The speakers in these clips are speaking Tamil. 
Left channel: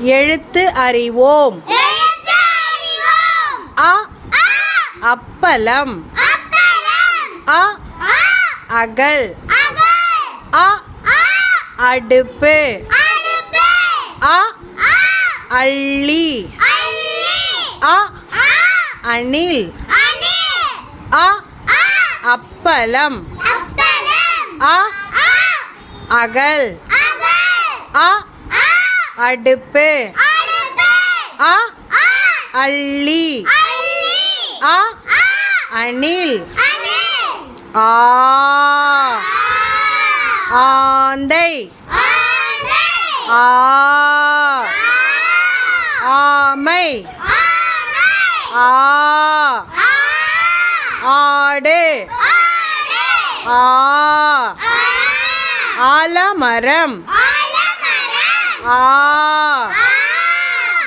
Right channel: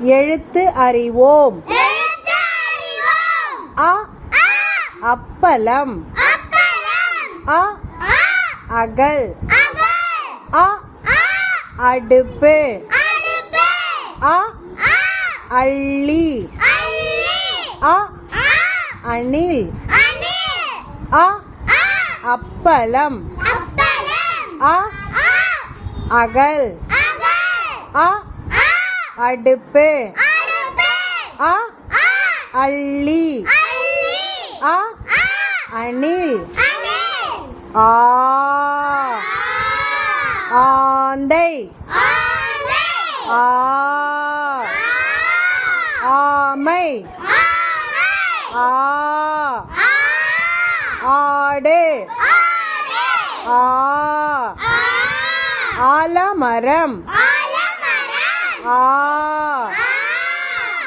எழுத்து அறிவோம். அ அப்பளம். அ அகல். அ அடுப்பு. அ அள்ளி. அ அணில். அ அப்பளம். அ அகல். அ அடுப்பு. அ அள்ளி. அ அணில். ஆ ஆந்தை. ஆ ஆமை. ஆ ஆடு. ஆ ஆலமரம். ஆ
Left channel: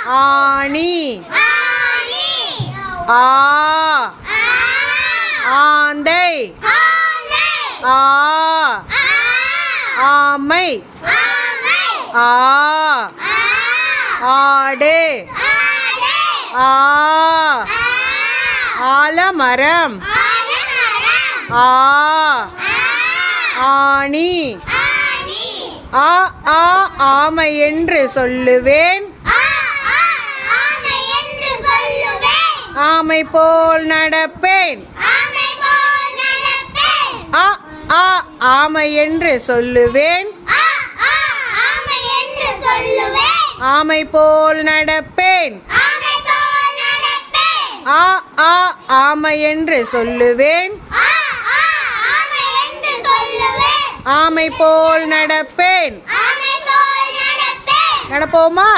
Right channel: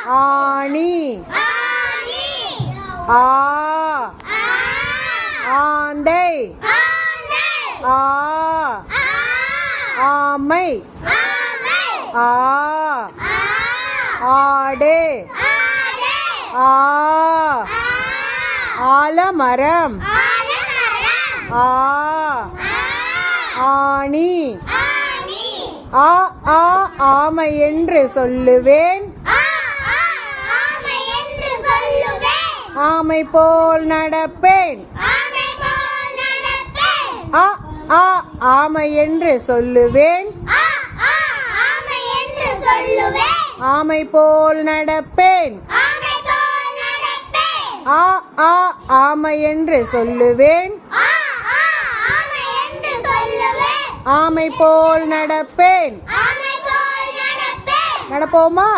ஆணி. ஆ ஆந்தை. ஆ ஆமை. ஆ ஆடு. ஆ ஆலமரம். ஆ ஆணி. ஆ ஆ ஆமை என்று சொல்லுவேன். ஆமை போல் நடப்பேன். அ ஆ ஆமை என்று சொல்லுவேன். ஆமை போல் நடப்பேன். ஆ ஆ ஆமை என்று சொல்லுவேன். ஆமை போல் நடப்பேன். நடப்போமா?